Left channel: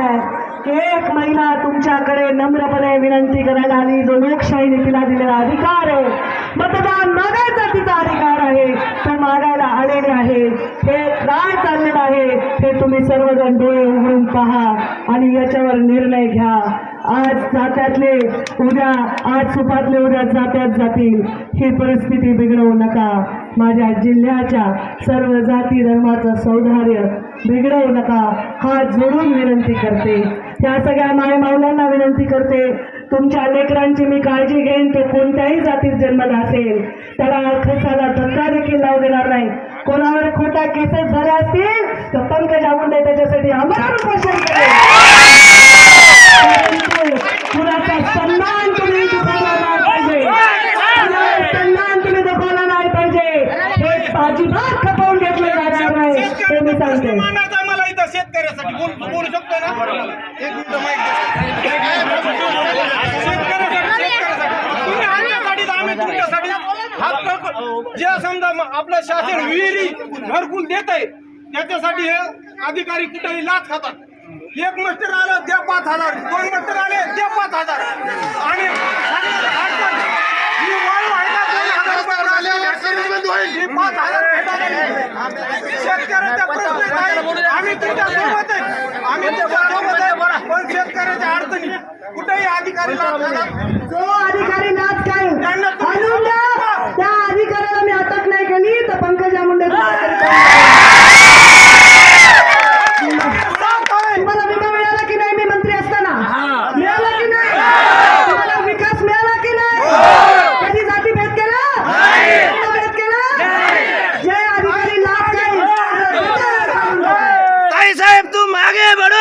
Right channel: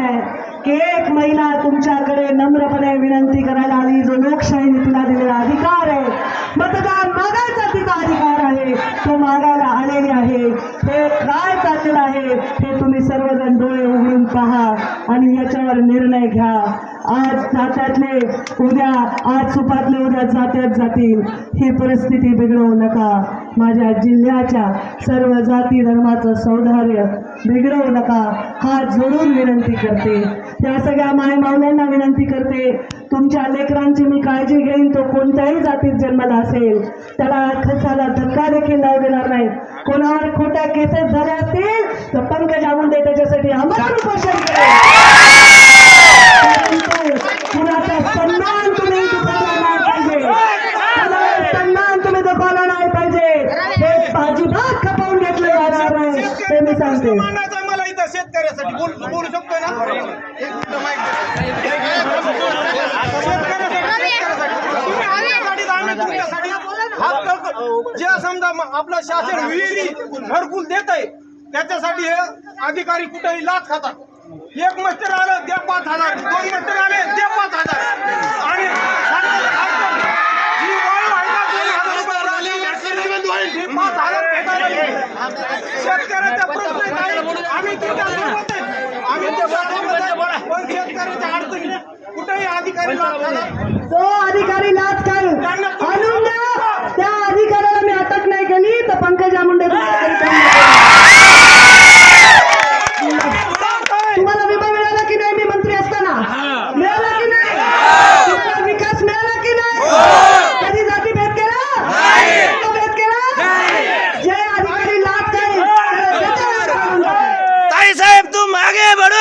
आहे. की एक महिला तुमच्याकडे नम्रपणे विनंती करायला आली. जो लोकशाहीने तिला दिलेला अधिकार आहे. मतदान मागायचा तिचा अधिकार आहे. तो मागायला आलेले आहे. हे काय चाललेलं आहे. हे तुम्ही सर्वजण डोळे उघडून पहा आणि याच्यावर निर्णय घ्या. आज जात्यातले उद्या आज सुपातले उद्या जात्यात जातील. ही परिस्थिती बिघडवू नका. माझ्या जिल्ह्याच्या सर्व जाती धर्माचं सौंदर्य बिघडवू नका. हात जोडून विनंती करते. त्या सगळ्या मायमावल्यांना विनंती करते. तुमच्या लेकरांची मी काळजी घेईन. तो कोणत्याही जातीत जन्मला असेल त्याला खसाला धक्का देखील लावू देणार नाही. कोणावर खोट्या केसेस झाल्या असतील तर पंकजा मुंडे त्याच्यासाठी आम्हाला मानायचा मला इथं शेतकऱ्यासाठी. बोल बोलू शकतो ना? एक मिनिट माहिती शेतकऱ्यासाठी आम्ही तुमच्यासाठी हात जे समजा आपलं शासन विहिरी घरकुल देत आहे त्याच्यासाठी हे अधिकारी कुठेही लाच खातात. एक मस्टर आलं ते पाच हजार. दोन मस्टर आले ते पाच हजार. आणि सांगतात, आजकाल ही वाळू आहे का दोन हजार रुपये राशन ही पाच हजार भेटायला नाही. शेतकऱ्याचा प्रश्न आम्ही तुमच्यासोबत आहे. आम्ही तुमच्यासोबत आहे. पण शेतकऱ्याच्या अडचणी कुठेही अधिकारी लागतात जो अधिकारी আগে বড়।